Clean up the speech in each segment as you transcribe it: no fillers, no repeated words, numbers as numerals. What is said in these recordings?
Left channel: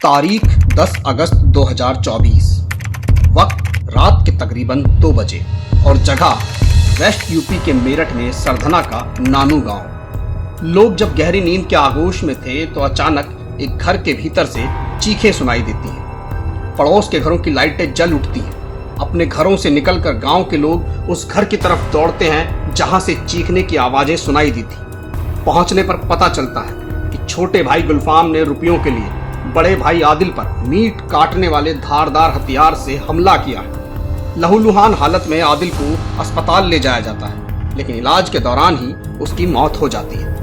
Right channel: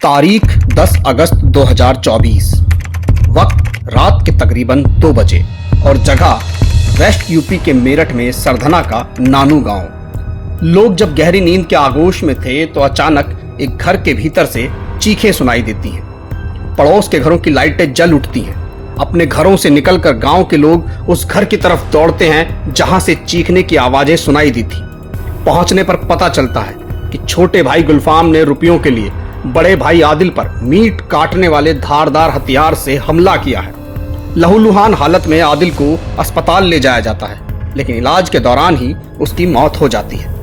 तारीख 10 अगस्त 2024। वक्त रात के तकरीबन 2 बजे और जगह वेस्ट यूपी के मेरठ में सरधना का नानू गांव। लोग जब गहरी नींद के आगोश में थे तो अचानक एक घर के भीतर से चीखें सुनाई देती हैं। पड़ोस के घरों की लाइटें जल उठती हैं। अपने घरों से निकलकर गांव के लोग उस घर की तरफ दौड़ते हैं जहां से चीखने की आवाजें सुनाई दी थी। पहुंचने पर पता चलता है कि छोटे भाई गुलफाम ने रुपयों के लिए बड़े भाई आदिल पर मीट काटने वाले धारदार हथियार से हमला किया है। लहूलुहान हालत में आदिल को अस्पताल ले जाया जाता है, लेकिन इलाज के दौरान ही उसकी मौत हो जाती है।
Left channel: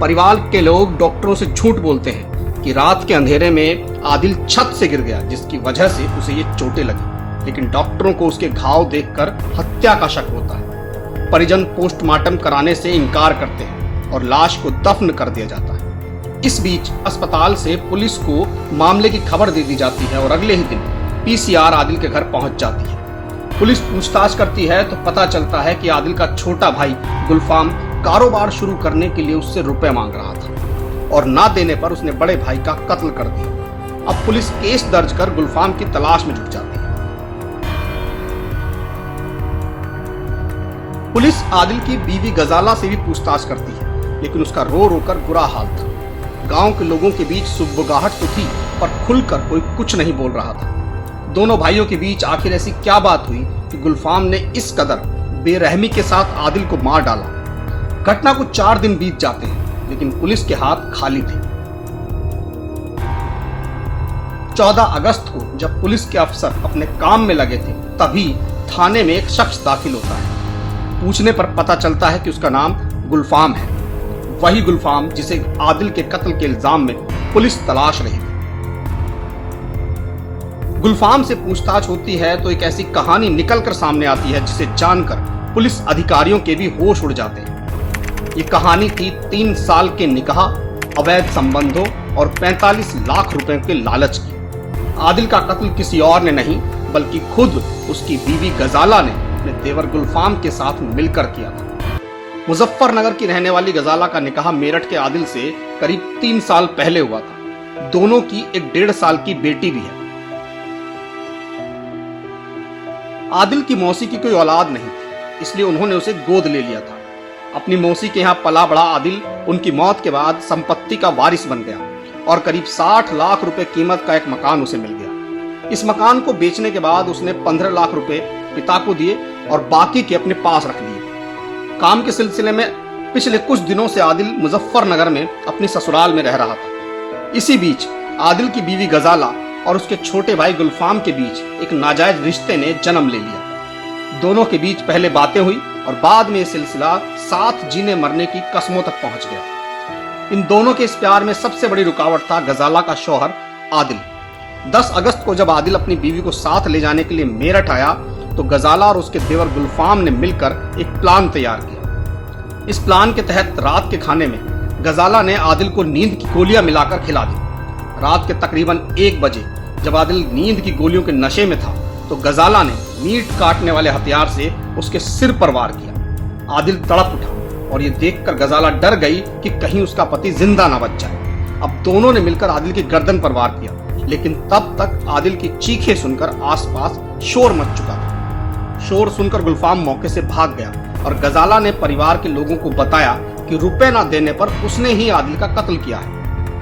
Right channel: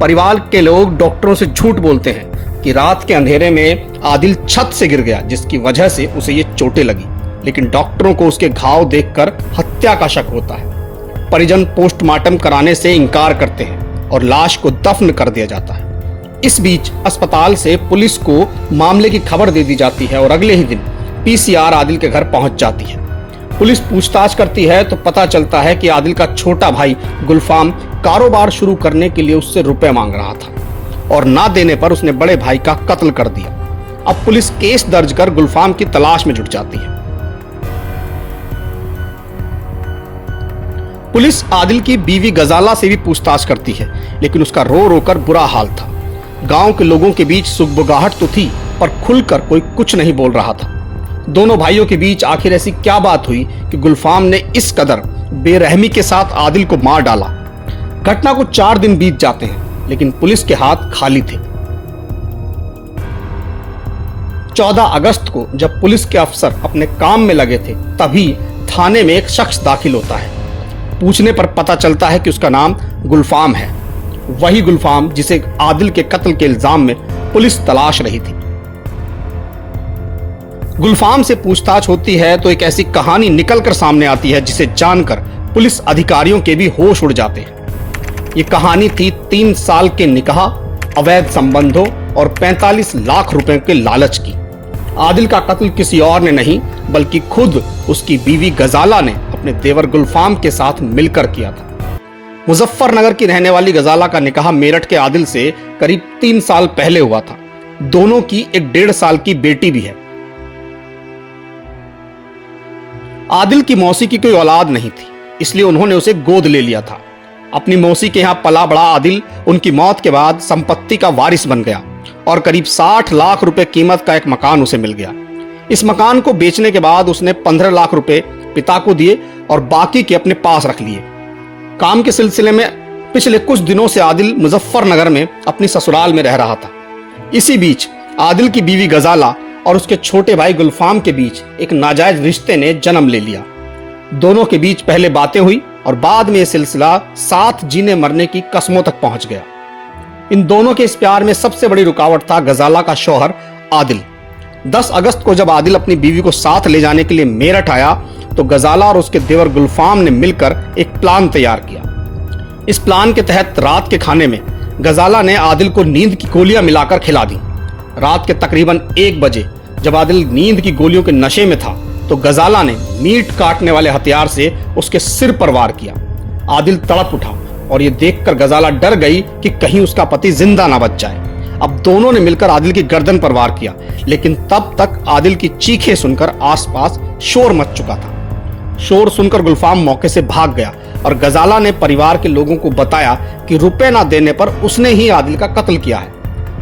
परिवार के लोग डॉक्टरों से झूठ बोलते हैं कि रात के अंधेरे में आदिल छत से गिर गया, जिसकी वजह से उसे ये चोटें लगी, लेकिन डॉक्टरों को उसके घाव देखकर हत्या का शक होता है। परिजन पोस्टमार्टम कराने से इनकार करते हैं और लाश को दफन कर दिया जाता है। इस बीच अस्पताल से पुलिस को मामले की खबर दे दी जाती है और अगले ही दिन पीसीआर आदिल के घर पहुंच जाती है। पुलिस पूछताछ करती है तो पता चलता है कि आदिल का छोटा भाई गुलफाम कारोबार शुरू करने के लिए उससे रुपए मांग रहा था और ना देने पर उसने बड़े भाई का कत्ल कर दिया। अब पुलिस केस दर्ज कर गुलफाम की तलाश में जुट जाती है। पुलिस आदिल की बीवी गजाला से भी पूछताछ करती है, लेकिन उसका रो रो कर बुरा हाल था। गांव के लोगों के बीच सुगबुगाहट तो थी, पर खुलकर कोई कुछ नहीं बोल रहा था। दोनों भाइयों के बीच आखिर ऐसी क्या बात हुई कि गुलफाम ने इस कदर बेरहमी के साथ आदिल को मार डाला। घटना को 4 दिन बीत जाते हैं, लेकिन पुलिस के हाथ खाली थे। 14 अगस्त को जब पुलिस के अफसर अपने काम में लगे थे, तभी थाने में एक शख्स दाखिल होता है। पूछने पर पता चलता है कि उसका नाम गुलफाम है, वही गुलफाम जिसे आदिल के कत्ल के इल्जाम में पुलिस तलाश रही थी। गुलफाम से पूछताछ होती है तो एक ऐसी कहानी निकलकर सामने आती है जिसे जानकर पुलिस अधिकारियों के भी होश उड़ जाते हैं। ये कहानी थी 3 साल के निकाह, अवैध संबंधों और 45 लाख रुपए के लालच की। आदिल का कत्ल किसी और ने नहीं, बल्कि खुद उसकी बीवी गजाला ने अपने देवर गुलफाम के साथ मिलकर किया था। मुजफ्फरनगर की रहने वाली गजाला का निकाह मेरठ के आदिल से करीब 3 साल पहले हुआ था। दोनों की एक 1.5 साल की बेटी भी है। आदिल की मौसी की कोई औलाद नहीं थी, इसलिए उन्होंने उसे गोद ले लिया था। अपनी मौसी के यहाँ पला बड़ा आदिल उनकी मौत के बाद संपत्ति का वारिस बन गया और करीब 60 लाख रुपए कीमत का एक मकान उसे मिल गया। इस मकान को बेचने के बाद उसने 15 लाख रुपए पिता को दिए और बाकी के अपने पास रख लिए। काम के सिलसिले में पिछले कुछ दिनों से आदिल मुजफ्फरनगर में अपनी ससुराल में रह रहा था। इसी बीच आदिल की बीवी गजाला और उसके छोटे भाई गुलफाम के बीच एक नाजायज रिश्ते ने जन्म ले लिया। दोनों के बीच पहले बातें हुई और बाद में यह सिलसिला साथ जीने मरने की कस्मों तक पहुंच गया। इन दोनों के इस प्यार में सबसे बड़ी रुकावट था गजाला का शौहर आदिल। 10 अगस्त को जब आदिल अपनी बीवी को साथ ले जाने के लिए मेरठ आया तो गजाला और उसके देवर गुलफाम ने मिलकर एक प्लान तैयार किया। इस प्लान के तहत रात के खाने में गजाला ने आदिल को नींद की गोलियां मिलाकर खिला दी। रात के तकरीबन 1 बजे जब आदिल नींद की गोलियों के नशे में था तो गजाला ने मीट काटने वाले हथियार से उसके सिर पर वार किया। आदिल तड़प उठा और ये देखकर गजाला डर गई कि कहीं उसका पति जिंदा ना बच जाए। अब दोनों ने मिलकर आदिल की गर्दन पर वार किया, लेकिन तब तक आदिल की चीखें सुनकर आसपास शोर मच चुका था। शोर सुनकर गुलफाम मौके से भाग गया और गजाला ने परिवार के लोगों को बताया कि रुपए ना देने पर उसने ही आदिल का कत्ल किया है।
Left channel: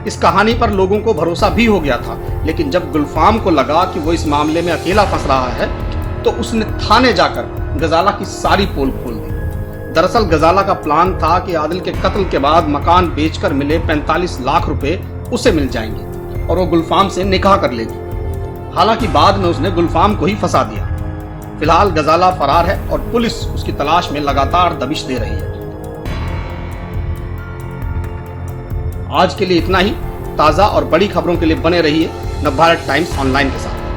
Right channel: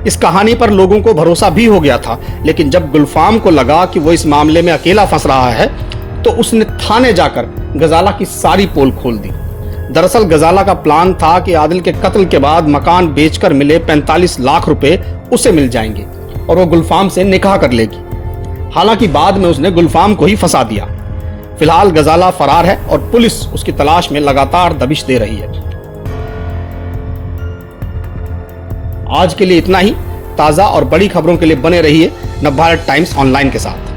इस कहानी पर लोगों को भरोसा भी हो गया था, लेकिन जब गुलफाम को लगा कि वो इस मामले में अकेला फंस रहा है तो उसने थाने जाकर गजाला की सारी पोल खोल दी। दरअसल गजाला का प्लान था कि आदिल के कत्ल के बाद मकान बेचकर मिले 45 लाख रुपए उसे मिल जाएंगे और वो गुलफाम से निकाह कर लेगी। हालांकि बाद में उसने गुलफाम को ही फंसा दिया। फिलहाल गजाला फरार है और पुलिस उसकी तलाश में लगातार दबिश दे रही है। आज के लिए इतना ही। ताजा और बड़ी खबरों के लिए बने रहिए नवभारत टाइम्स ऑनलाइन के साथ।